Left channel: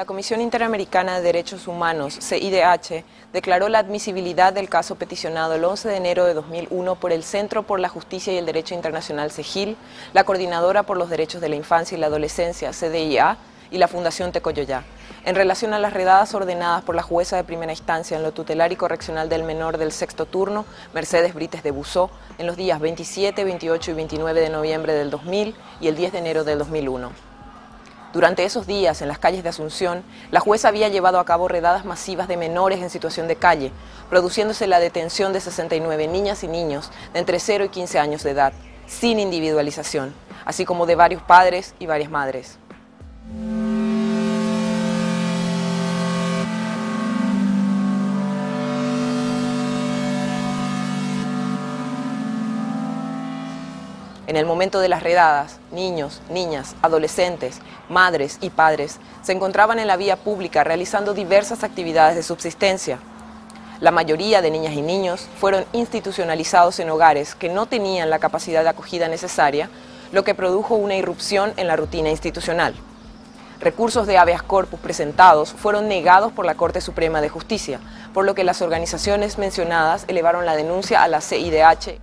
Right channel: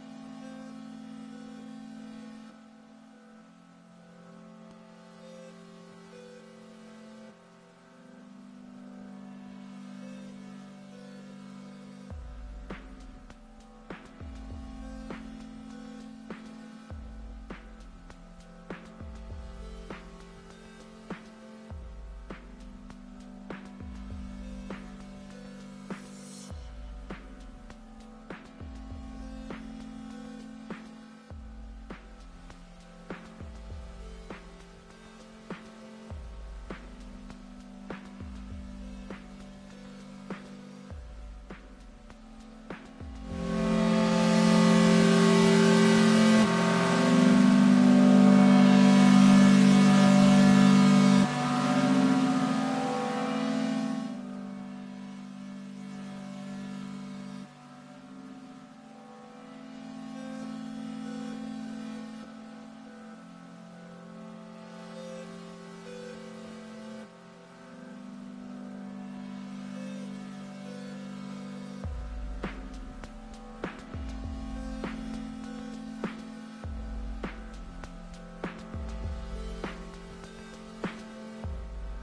La Comisión Interamericana de Derechos Humanos, CIDH, declaró la admisibilidad del caso peticionado el 11 de enero de 2001 por el Centro por la Justicia y el Derecho Internacional CEGIL, la Coordinadora por los Derechos de la Infancia y la Adolescencia, CDIA, y la Fundación Tecoyoyá, en relación a las redadas ordenadas por la jueza de primera instancia en lo tutelar y correccional del menor del sexto turno, Mercedes Brites de Busó, en los días 27, 28 y 29 de noviembre del 2000 y el 10 de enero del 2001. Durante esos días, en las calles de Asunción, la jueza había llevado a cabo redadas masivas de menores en situación de calle, produciéndose la detención de 69 niñas y niños de entre 0 y 15 años de edad, sin individualización, así como de varios padres y varias madres. En el momento de las redadas, niños, niñas, adolescentes, madres y padres se encontraban en la vía pública realizando diversas actividades de subsistencia. La mayoría de niñas y niños fueron institucionalizados en hogares que no tenían la capacidad de acogida necesaria, lo que produjo una irrupción en la rutina institucional. Recursos de habeas corpus presentados fueron negados por la Corte Suprema de Justicia, por lo que las organizaciones mencionadas elevaron la denuncia a la CIDH.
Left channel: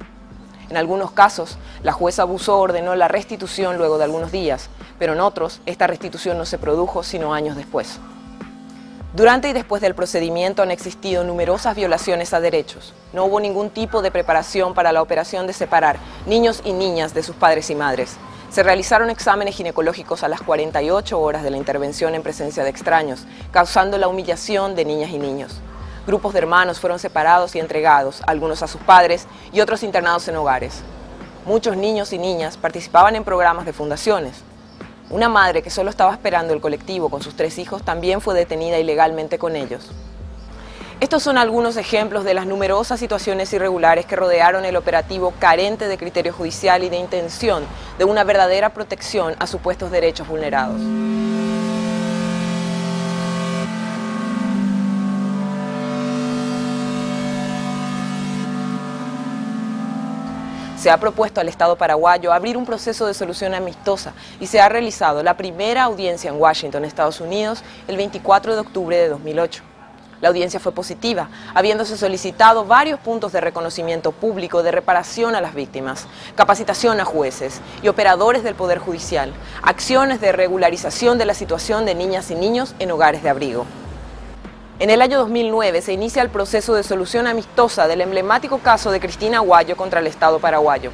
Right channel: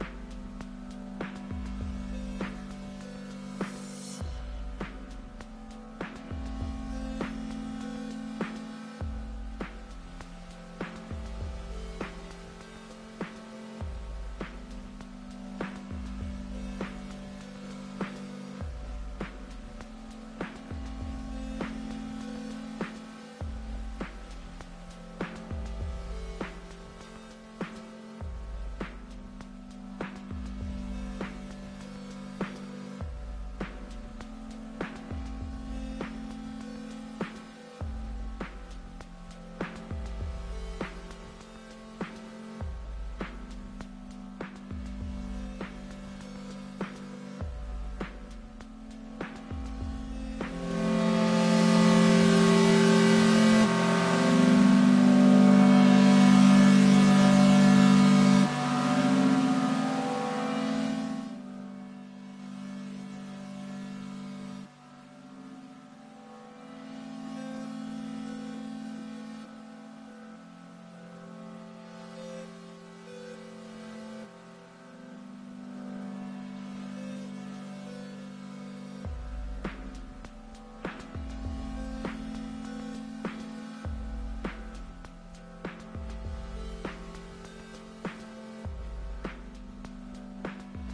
En algunos casos, la jueza Busó ordenó la restitución luego de algunos días, pero en otros, esta restitución no se produjo sino años después. Durante y después del procedimiento han existido numerosas violaciones a derechos. No hubo ningún tipo de preparación para la operación de separar niños y niñas de sus padres y madres. Se realizaron exámenes ginecológicos a las 48 horas de la intervención en presencia de extraños, causando la humillación de niñas y niños. Grupos de hermanos fueron separados y entregados, algunos a sus padres y otros internados en hogares. Muchos niños y niñas participaban en programas de fundaciones. Una madre que solo estaba esperando el colectivo con sus 3 hijos también fue detenida ilegalmente con ellos. Estos son algunos ejemplos de las numerosas situaciones irregulares que rodearon el operativo carente de criterio judicial y de intención de una verdadera protección a supuestos derechos vulnerados. Se ha propuesto al Estado paraguayo abrir un proceso de solución amistosa y se ha realizado la primera audiencia en Washington, Estados Unidos, el 24 de octubre de 2008. La audiencia fue positiva, habiéndose solicitado varios puntos de reconocimiento público de reparación a las víctimas, capacitación a jueces y operadores del Poder Judicial, acciones de regularización de la situación de niñas y niños en hogares de abrigo. En el año 2009 se inicia el proceso de solución amistosa del emblemático caso de Cristina Aguayo contra el Estado paraguayo.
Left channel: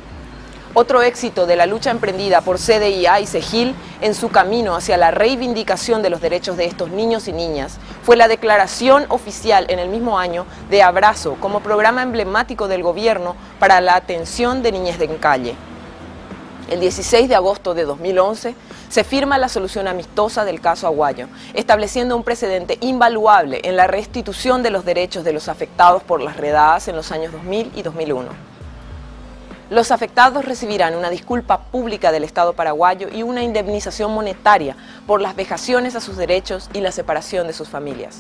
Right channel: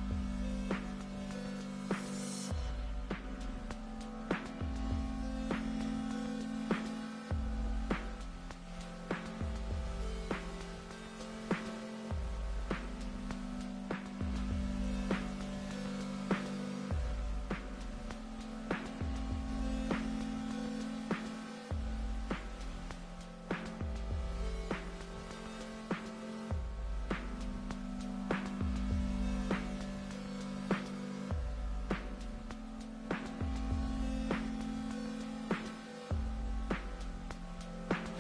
Otro éxito de la lucha emprendida por CDIA y CEGIL en su camino hacia la reivindicación de los derechos de estos niños y niñas fue la declaración oficial en el mismo año de Abrazo como programa emblemático del gobierno para la atención de niñez en calle. El 16 de agosto de 2011 se firma la solución amistosa del caso Aguayo, estableciendo un precedente invaluable en la restitución de los derechos de los afectados por las redadas en los años 2000 y 2001. Los afectados recibirán una disculpa pública del Estado paraguayo y una indemnización monetaria por las vejaciones a sus derechos y la separación de sus familias.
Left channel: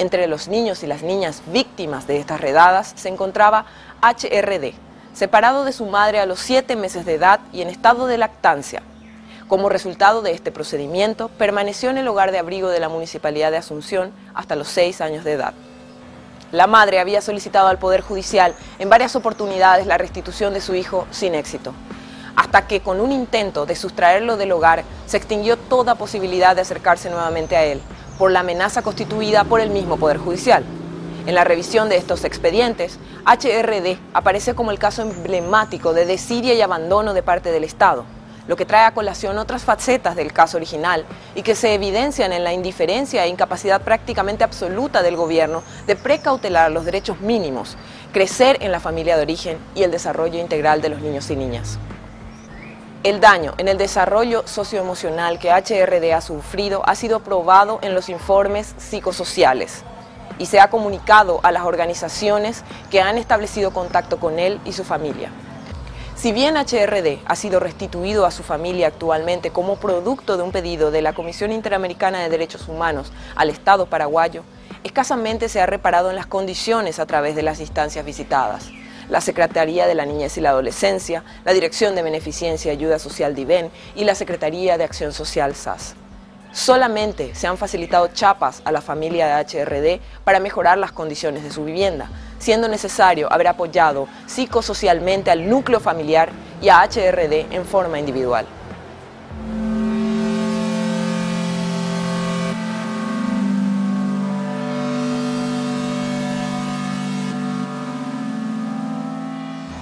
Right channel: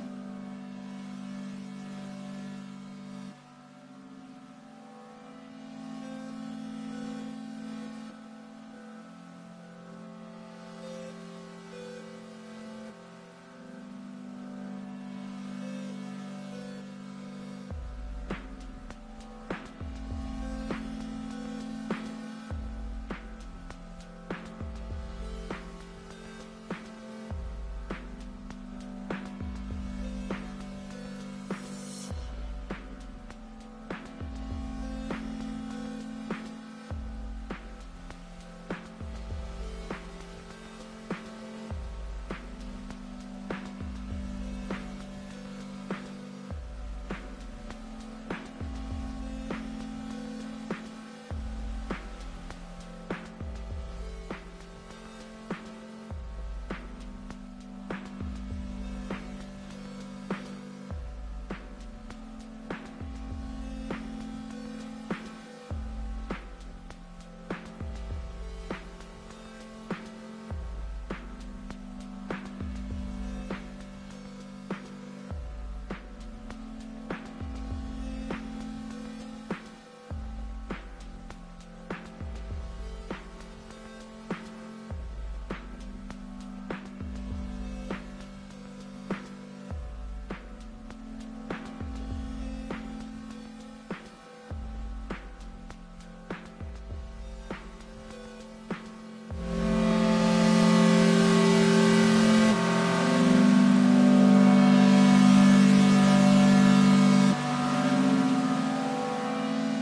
Entre los niños y las niñas víctimas de estas redadas se encontraba HRD, separado de su madre a los 7 meses de edad y en estado de lactancia. Como resultado de este procedimiento, permaneció en el hogar de abrigo de la Municipalidad de Asunción hasta los 6 años de edad. La madre había solicitado al Poder Judicial en varias oportunidades la restitución de su hijo sin éxito, hasta que con un intento de sustraerlo del hogar se extinguió toda posibilidad de acercarse nuevamente a él, por la amenaza constituida por el mismo Poder Judicial. En la revisión de estos expedientes, HRD aparece como el caso emblemático de desidia y abandono de parte del Estado, lo que trae a colación otras facetas del caso original y que se evidencian en la indiferencia e incapacidad prácticamente absoluta del gobierno de precautelar los derechos mínimos, crecer en la familia de origen y el desarrollo integral de los niños y niñas. El daño en el desarrollo socioemocional que HRD ha sufrido ha sido probado en los informes psicosociales y se ha comunicado a las organizaciones que han establecido contacto con él y su familia. Si bien HRD ha sido restituido a su familia actualmente como producto de un pedido de la Comisión Interamericana de Derechos Humanos al Estado paraguayo, escasamente se ha reparado en las condiciones a través de las instancias visitadas. La Secretaría de la Niñez y la Adolescencia, la Dirección de Beneficencia y Ayuda Social DIVEN y la Secretaría de Acción Social SAS. Solamente se han facilitado chapas a la familia de HRD para mejorar las condiciones de su vivienda, siendo necesario haber apoyado psicosocialmente al núcleo familiar y a HRD en forma individual.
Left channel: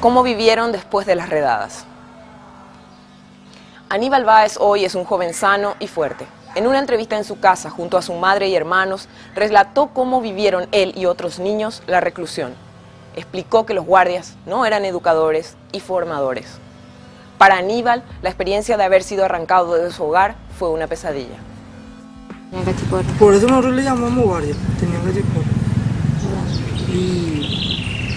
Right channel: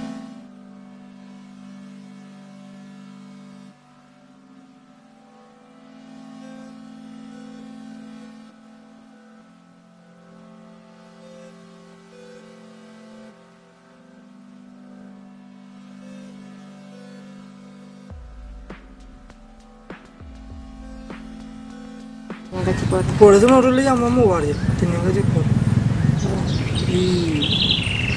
¿Cómo vivieron después de las redadas? Aníbal Báez hoy es un joven sano y fuerte. En una entrevista en su casa junto a su madre y hermanos, relató cómo vivieron él y otros niños la reclusión. Explicó que los guardias no eran educadores y formadores. Para Aníbal, la experiencia de haber sido arrancado de su hogar fue una pesadilla. Por eso nosotros le llamamos guardia, tenían cachiporra. Y...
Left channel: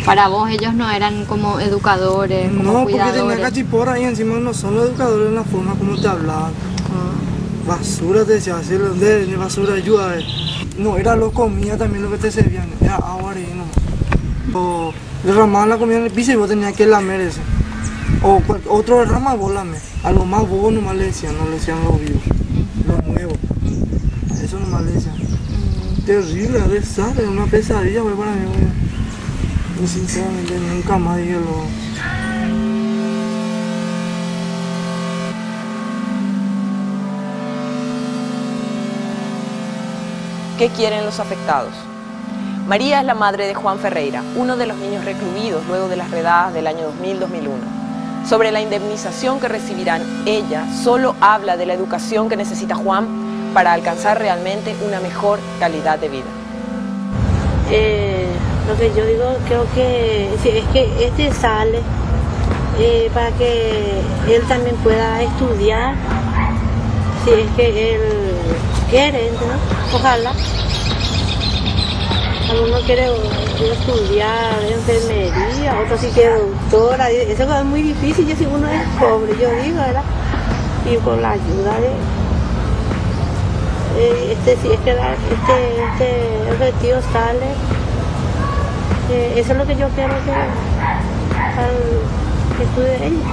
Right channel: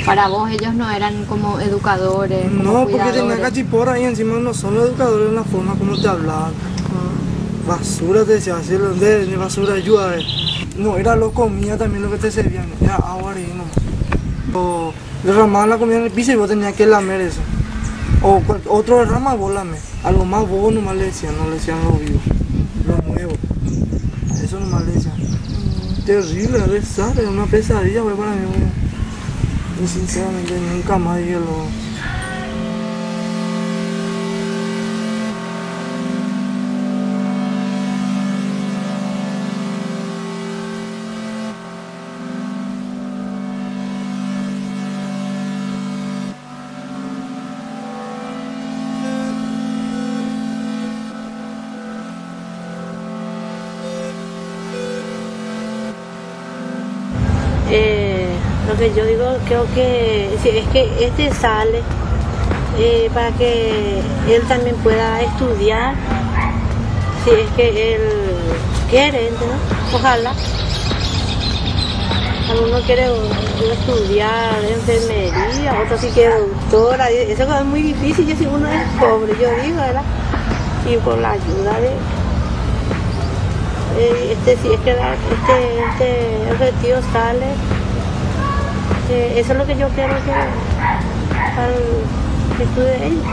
Para vos ellos no eran como educadores, como no, cuidadores. porque tenían cachiporra y encima no son los educadores en la forma como te hablaban. Basura te decía, así de basura ayuda. No, era lo comida también lo que te servían, era agua y nomás. O derramaban la comida en el piso y vos tenías que lamer eso. O otro derrama vos lamer. A lo más bobo nomás le decían, no le decían lo vivo, lo nuevo. A eso nomás le decían. Terrible, desastre, una pesadilla fue para mí. Y sinceramente nunca más dije lo... ¿Qué quieren los afectados? María es la madre de Juan Ferreira, uno de los niños recluidos luego de las redadas del año 2000-2001. Sobre la indemnización que recibirán, ella solo habla de la educación que necesita Juan para alcanzar realmente una mejor calidad de vida. Lo que yo digo, creo que si es que este sale para que él también pueda estudiar, si es que él quiere, ¿no? Ojalá. Alguno quiere estudiar enfermería, otro sí quiere doctora, eso es muy difícil, yo si uno es pobre, yo digo, ¿verdad? Y con la ayuda de si es que este objetivo sale, eso es lo que yo quiero que estudie ellos,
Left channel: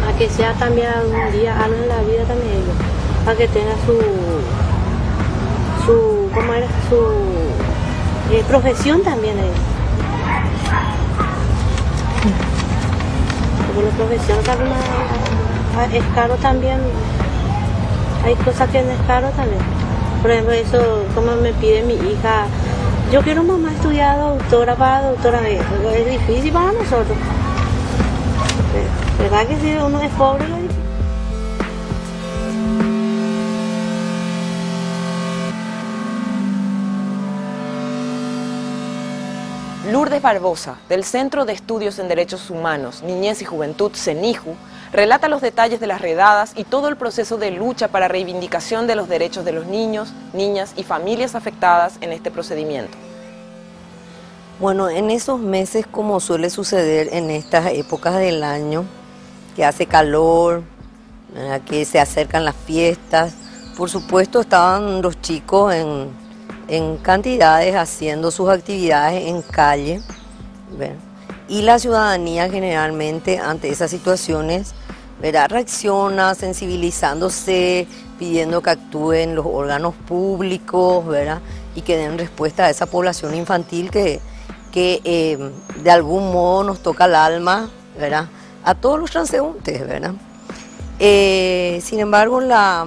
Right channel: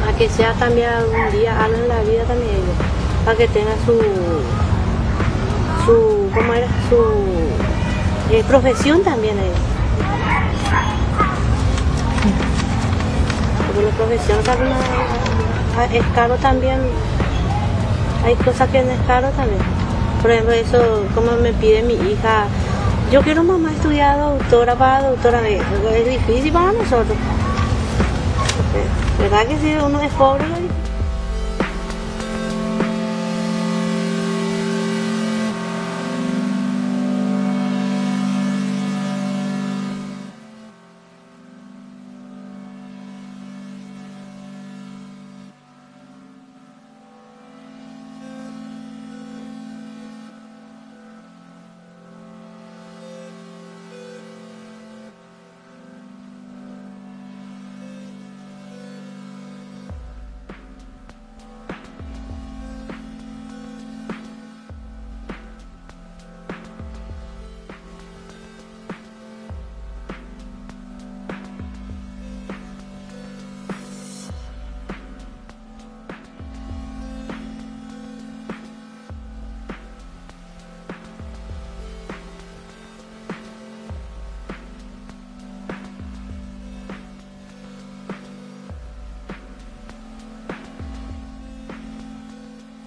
para que sea también algún día algo en la vida también ellos, para que tenga su profesión también ellos. Porque la profesión es caro también, hay cosas que no es caro también. Por ejemplo, eso como me pide mi hija, yo quiero mamá estudiar doctora para doctora, es difícil para nosotros. ¿Verdad que si uno es pobre es difícil? Lourdes Barbosa, del Centro de Estudios en Derechos Humanos, Niñez y Juventud, CENIJU, relata los detalles de las redadas y todo el proceso de lucha para reivindicación de los derechos de los niños, niñas y familias afectadas en este procedimiento. Bueno, en esos meses, como suele suceder en estas épocas del año, que hace calor, que se acercan las fiestas, por supuesto estaban los chicos en cantidades haciendo sus actividades en calle, ¿verdad? Y la ciudadanía generalmente ante esas situaciones, ¿verdad?, reacciona sensibilizándose, pidiendo que actúen los órganos públicos, ¿verdad?, y que den respuesta a esa población infantil que de algún modo nos toca el alma, ¿verdad?, a todos los transeúntes, ¿verdad? Sin embargo, la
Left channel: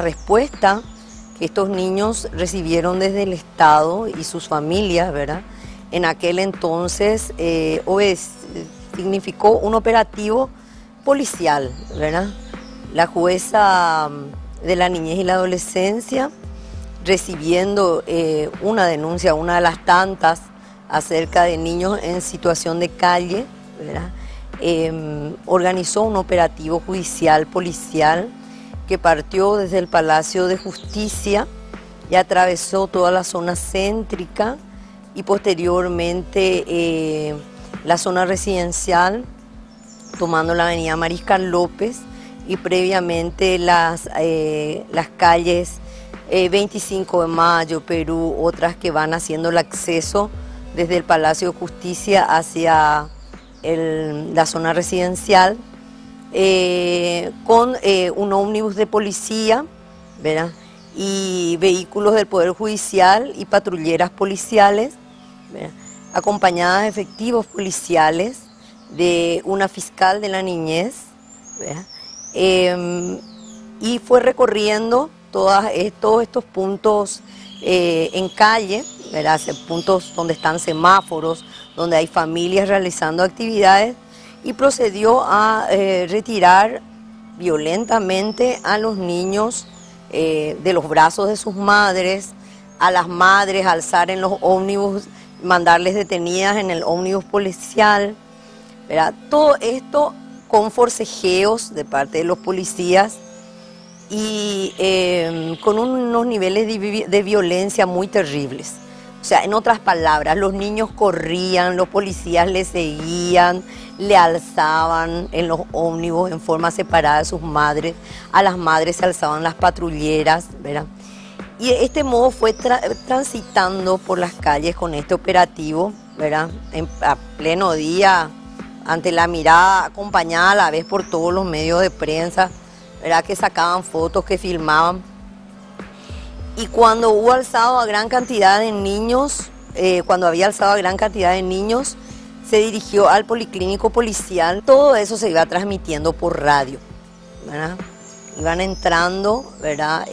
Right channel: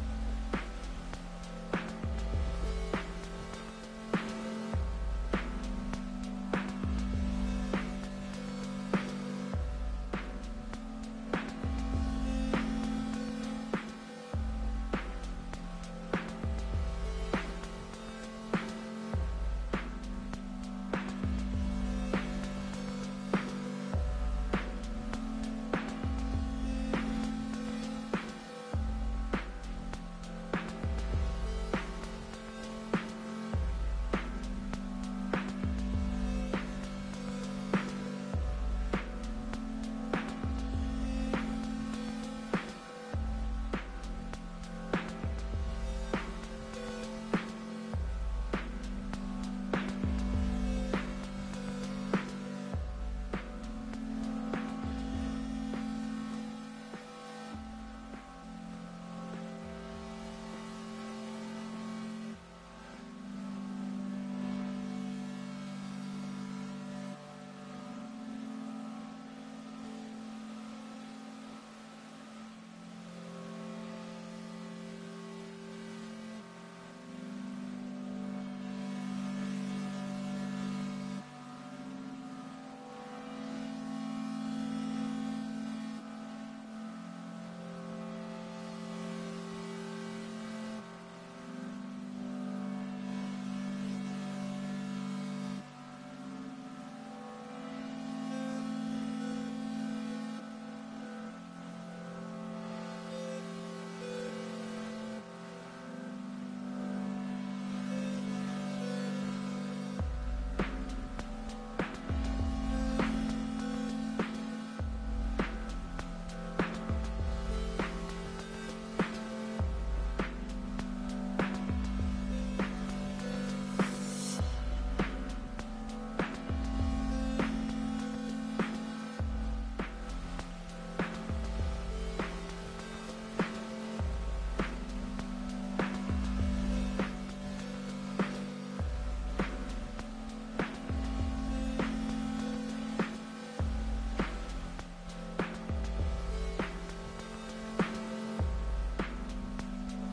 respuesta que estos niños recibieron desde el Estado y sus familias, ¿verdad?, en aquel entonces significó un operativo policial, ¿verdad? La jueza de la niñez y la adolescencia, recibiendo una denuncia, una de las tantas, acerca de niños en situación de calle, ¿verdad?, organizó un operativo judicial policial que partió desde el Palacio de Justicia y atravesó toda la zona céntrica y posteriormente la zona residencial, tomando la avenida Mariscal López y previamente las calles 25 de Mayo, Perú, otras que van haciendo el acceso desde el Palacio de Justicia hacia la zona residencial, con un ómnibus de policía, ¿verdad? Y vehículos del Poder Judicial y patrulleras policiales, ¿verdad? Acompañadas de efectivos policiales, de una fiscal de la niñez, ¿verdad? Y fue recorriendo todos estos puntos en calle, ¿verdad? Puntos donde están semáforos, donde hay familias realizando actividades, y procedió a retirar violentamente a los niños de los brazos de sus madres, a las madres alzar en los ómnibus, mandarles detenidas en el ómnibus policial, ¿verdad? Todo esto con forcejeos de parte de los policías y con unos niveles de violencia muy terribles. O sea, en otras palabras, los niños corrían, los policías les seguían, le alzaban en los ómnibus en forma separada de sus madres, a las madres se alzaban las patrulleras, ¿verdad? Y de este modo fue transitando por las calles con este operativo, ¿verdad? A pleno día, ante la mirada acompañada a la vez por todos los medios de prensa, ¿verdad? Que sacaban fotos, que filmaban. Y cuando hubo alzado a gran cantidad de niños, se dirigió al policlínico policial. Todo eso se iba transmitiendo por radio, ¿verdad? Iban entrando, ¿verdad?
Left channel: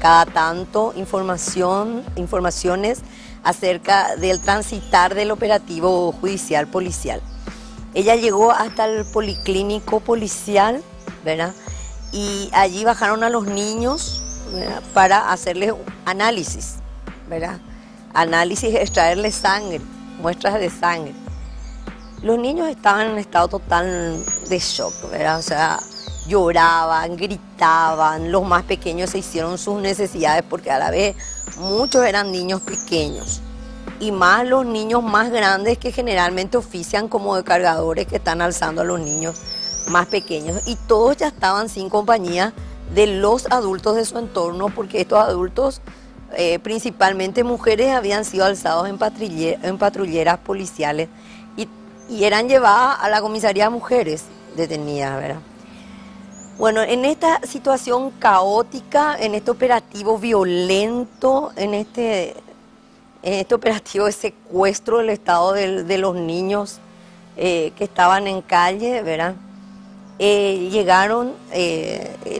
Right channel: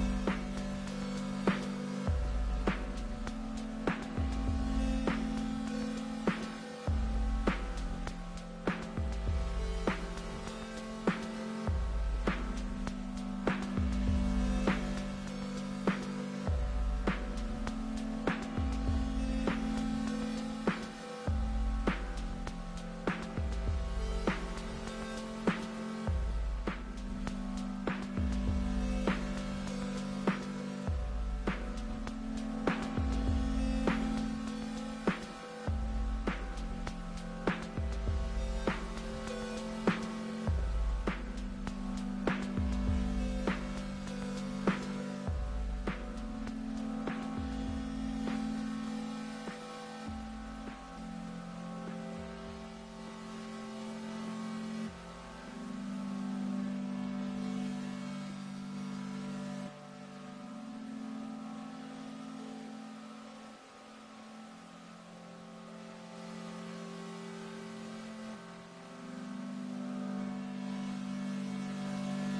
Cada tanto informaciones acerca del transitar del operativo judicial policial. Ella llegó hasta el policlínico policial, ¿verdad? Y allí bajaron a los niños, ¿verdad? Para hacerles análisis, ¿verdad? Análisis, extraerles sangre, muestras de sangre. Los niños estaban en un estado total de shock, ¿verdad? O sea, lloraban, gritaban, los más pequeños se hicieron sus necesidades porque a la vez muchos eran niños pequeños. Y más los niños más grandes que generalmente ofician como de cargadores, que están alzando a los niños más pequeños. Y todos ya estaban sin compañía de los adultos de su entorno, porque estos adultos, principalmente mujeres, habían sido alzados en patrulleras policiales y eran llevadas a la comisaría de mujeres detenidas, ¿verdad? Bueno, en esta situación caótica, en este operativo violento, en este operativo de secuestro del estado de los niños que estaban en calle, ¿verdad? Llegaron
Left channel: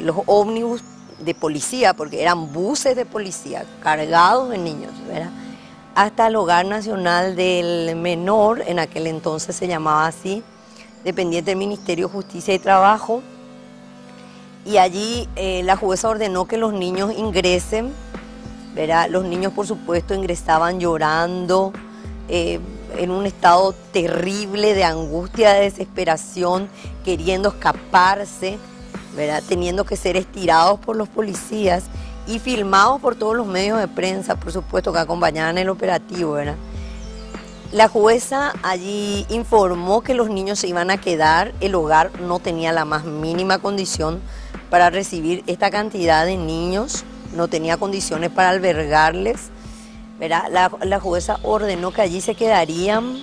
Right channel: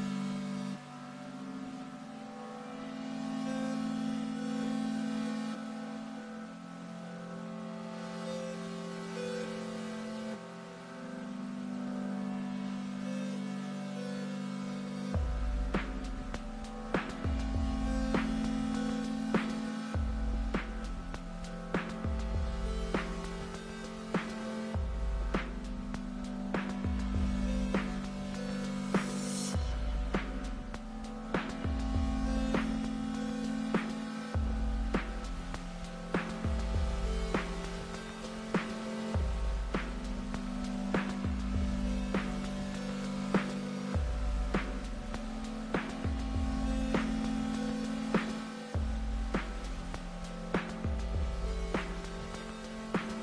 los ómnibus de policía, porque eran buses de policía cargados de niños, ¿verdad? Hasta el Hogar Nacional del Menor, en aquel entonces se llamaba así, dependiente del Ministerio de Justicia y Trabajo. Y allí la jueza ordenó que los niños ingresen, ¿verdad? Los niños, por supuesto, ingresaban llorando, en un estado terrible de angustia, de desesperación, queriendo escaparse, ¿verdad? Teniendo que ser estirados por los policías y filmados por todos los medios de prensa, por supuesto, que acompañaban el operativo, ¿verdad? La jueza allí informó que los niños se iban a quedar, el hogar no tenía la más mínima condición para recibir esta cantidad de niños, no tenía condiciones para albergarles, ¿verdad? La jueza ordenó que allí se quedarían,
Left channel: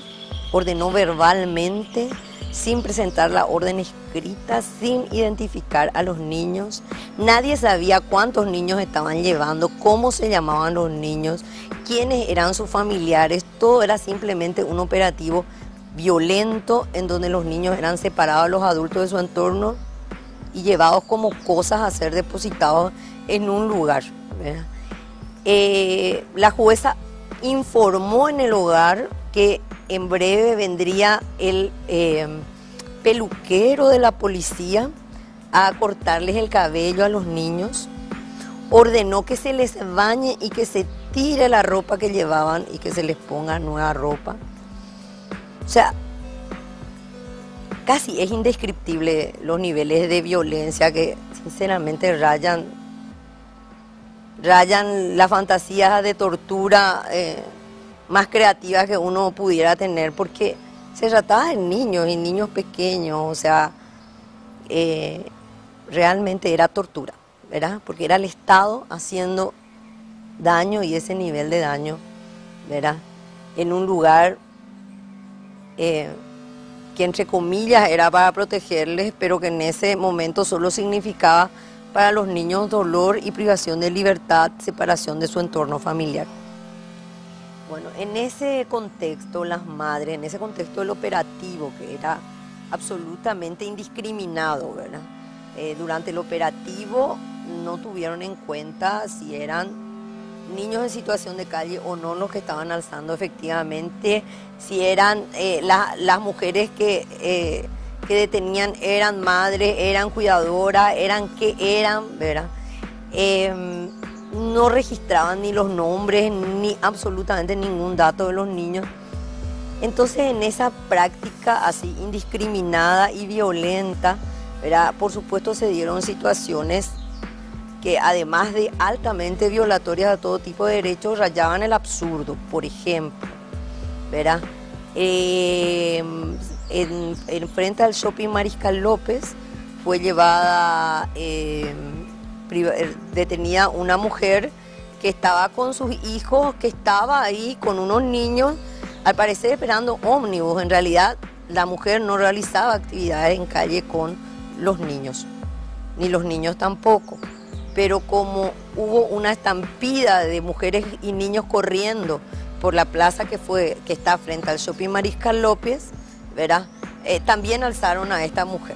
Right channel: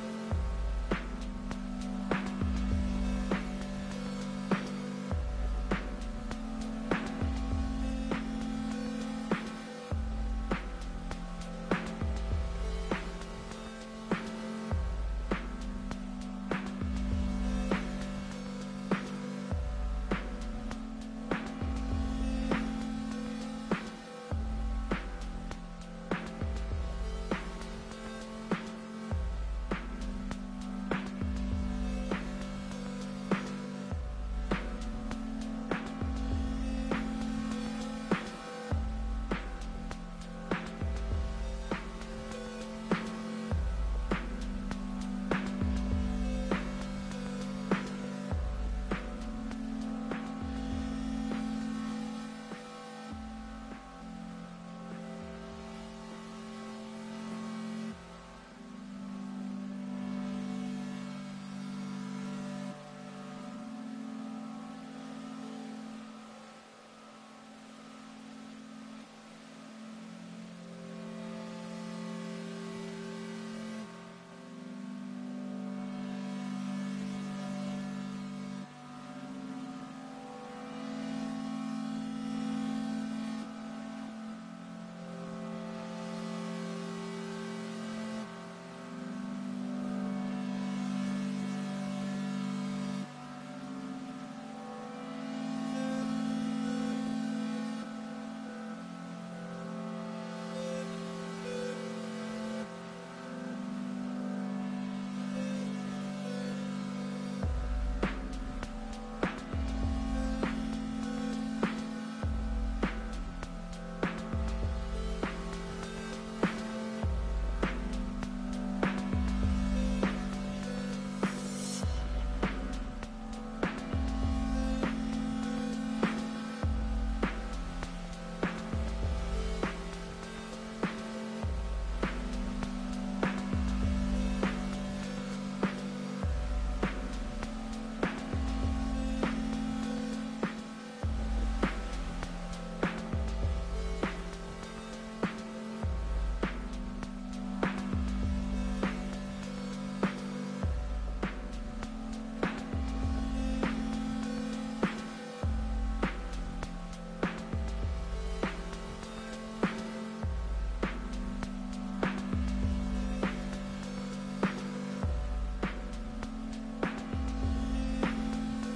ordenó verbalmente, sin presentar la orden escrita, sin identificar a los niños. Nadie sabía cuántos niños estaban llevando, cómo se llamaban los niños, quiénes eran sus familiares. Todo era simplemente un operativo violento en donde los niños eran separados de los adultos de su entorno y llevados como cosas a ser depositados en un lugar, ¿verdad? La jueza informó en el hogar que en breve vendría el peluquero de la policía a cortarles el cabello a los niños. Ordenó que se les bañe y que se tire la ropa que llevaban y que se les ponga nueva ropa. O sea, casi es indescriptible los niveles de violencia que sinceramente rayan las fantasías de tortura más creativas que uno pudiera tener, porque se trataba de niños y niños pequeños, o sea, realmente era tortura, ¿verdad? Porque era el Estado haciendo daño y ese nivel de daño, ¿verdad? En un lugar que entre comillas era para protegerles, pero que en ese momento solo significaba para los niños dolor y privación de libertad, separación de su entorno familiar. Bueno, en ese contexto, las madres, en ese contexto del operativo, que era absolutamente indiscriminado, ¿verdad? Durante el operativo no tuvieron en cuenta si eran niños en situación de calle o no los que estaban alzando efectivamente, si eran las mujeres que detenían, eran madres, eran cuidadoras, eran, ¿verdad? No registraban ni los nombres, ni absolutamente ningún dato de los niños. Entonces, en esa práctica así indiscriminada y violenta, ¿verdad? Por supuesto se dieron situaciones que además de altamente violatorias de todo tipo de derechos, rayaban el absurdo. Por ejemplo, ¿verdad? En frente al Shopping Mariscal López fue llevada, detenida una mujer que estaba con sus hijos, que estaba ahí con unos niños, al parecer esperando ómnibus. En realidad, la mujer no realizaba actividades en calle con los niños, ni los niños tampoco. Pero como hubo una estampida de mujeres y niños corriendo por la plaza que está frente al Shopping Mariscal López, ¿verdad? También alzaron a esta mujer,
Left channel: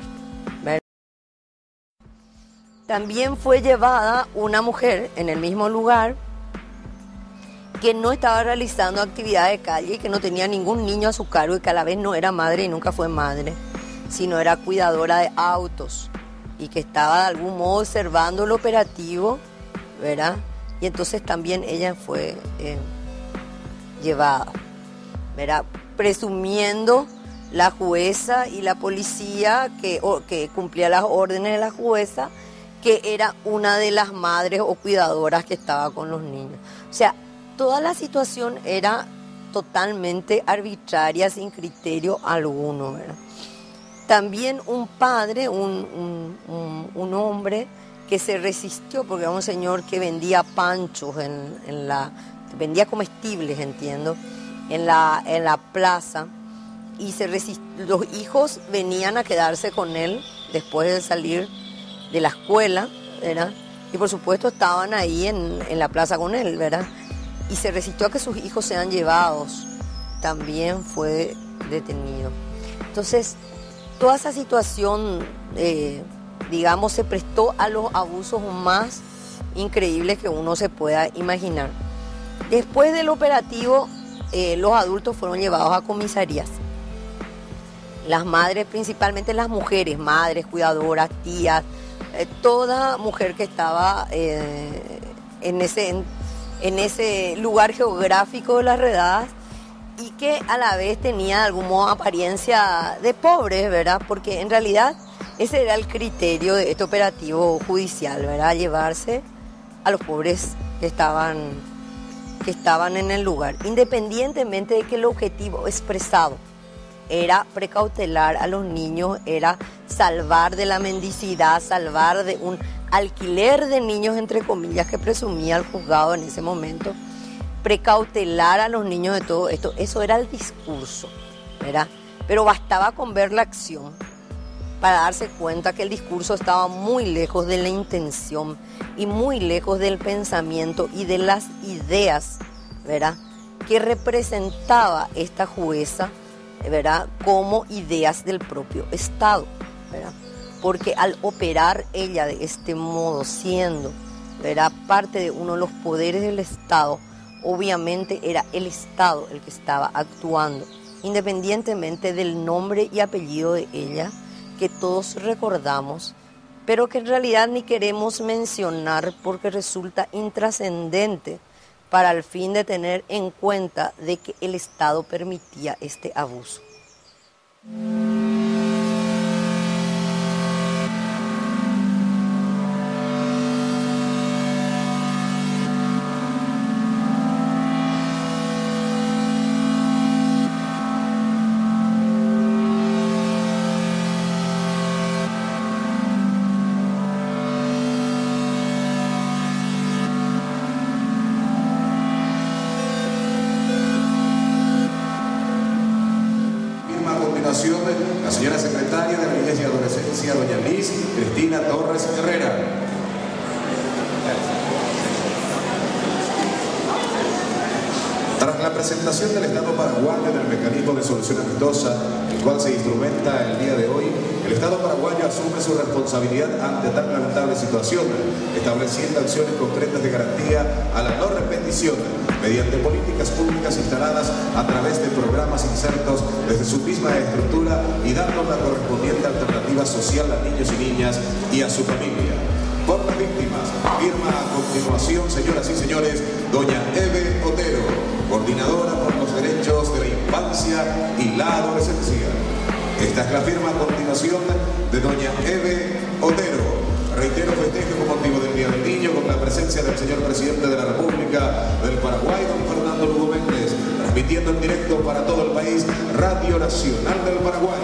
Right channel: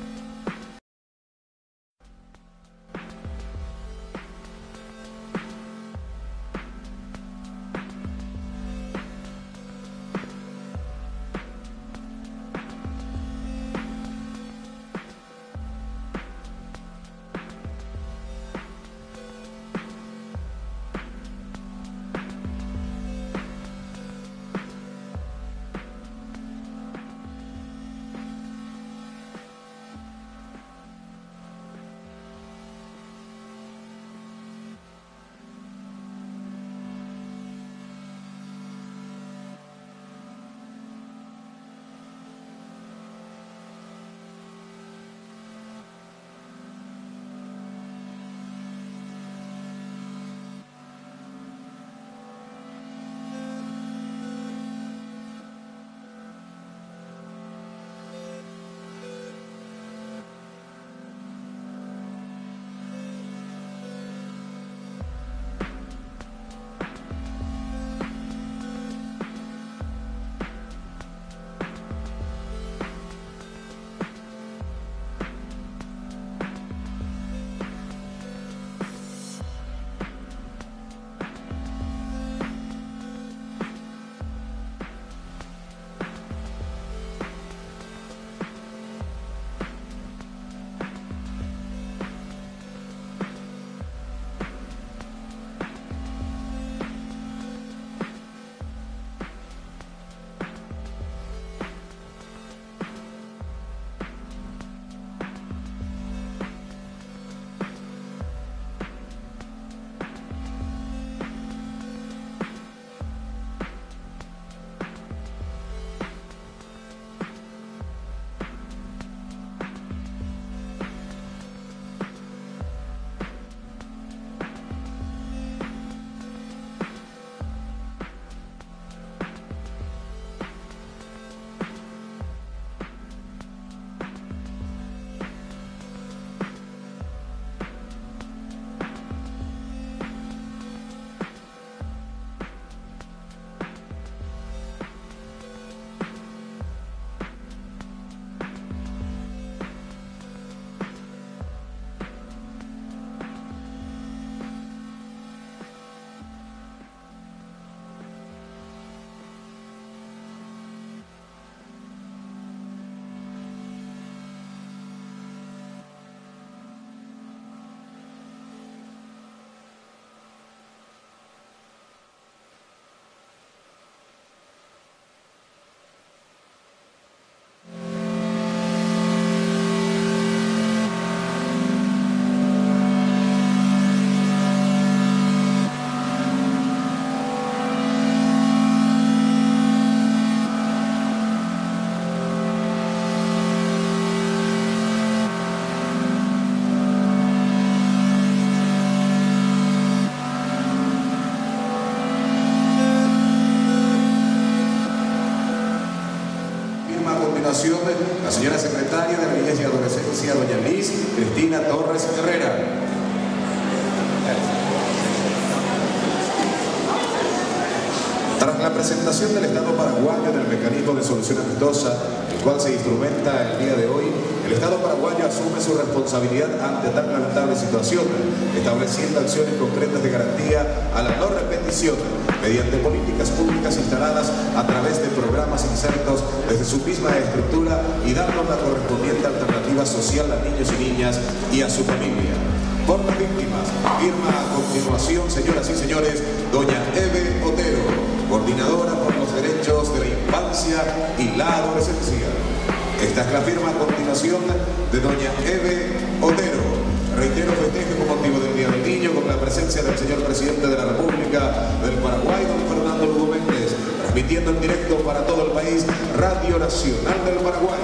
¿verdad? También fue llevada una mujer en el mismo lugar que no estaba realizando actividad de calle y que no tenía ningún niño a su cargo y que a la vez no era madre y nunca fue madre, sino era cuidadora de autos y que estaba de algún modo observando el operativo, ¿verdad? Y entonces también ella fue llevada, ¿verdad? Presumiendo la jueza y la policía que cumplía las órdenes de la jueza, que era una de las madres o cuidadoras que estaba con los niños. O sea, toda la situación era totalmente arbitraria, sin criterio alguno, ¿verdad? También un padre, un hombre que se resistió, porque era un señor que vendía panchos, vendía comestibles, entiendo, en la plaza, y los hijos venían a quedarse con él después de salir de la escuela, ¿verdad? Y por supuesto estaban ahí en la plaza con él, ¿verdad? Y se resistió a que sus hijos sean llevados. También fue detenido. Entonces, toda esa situación, digamos, se prestó a los abusos más increíbles que uno se pueda imaginar. Después del operativo, los adultos fueron llevados a comisarías. Las madres, principalmente las mujeres, madres, cuidadoras, tías, toda mujer que estaba en ese lugar geográfico de las redadas y que a la vez tenía de algún modo apariencia de pobres, ¿verdad? Porque en realidad ese era el criterio de este operativo judicial, ¿verdad? Llevarse a los pobres que estaban en el lugar, independientemente de que el objetivo expresado era precautelar a los niños, era salvar de la mendicidad, salvar de un alquiler de niños, entre comillas, que presumía el juzgado en ese momento, precautelar a los niños de todo esto. Eso era el discurso, ¿verdad? Pero bastaba con ver la acción para darse cuenta que el discurso estaba muy lejos de la intención y muy lejos del pensamiento y de las ideas, ¿verdad?, que representaba esta jueza, ¿verdad?, como ideas del propio Estado, ¿verdad? Porque al operar ella de este modo, siendo, ¿verdad?, parte de uno de los poderes del Estado, obviamente era el Estado el que estaba actuando, independientemente del nombre y apellido de ella, que todos recordamos, pero que en realidad ni queremos mencionar porque resulta intrascendente para el fin de tener en cuenta de que el Estado permitía este abuso. señora secretaria de la Niñez y Adolescencia, doña Liz Cristina Torres Herrera. Tras la presentación del Estado paraguayo del mecanismo de solución amistosa, el cual se instrumenta el día de hoy, el Estado paraguayo asume su responsabilidad ante tan lamentable situación, estableciendo acciones concretas de garantía a la no repetición mediante políticas públicas instaladas a través de programas insertos desde su misma estructura y dando la correspondiente alternativa social a niños y niñas y a su familia. Por las víctimas, firma a continuación, señoras y señores, doña Eve Otero, coordinadora por los derechos de la infancia y la adolescencia. Esta es la firma a continuación de doña Eve Otero. Reitero, festejo con motivo del Día del Niño con la presencia del señor Presidente de la República del Paraguay, don Fernando Lugo Méndez, transmitiendo en directo para todo el país, Radio Nacional del Paraguay.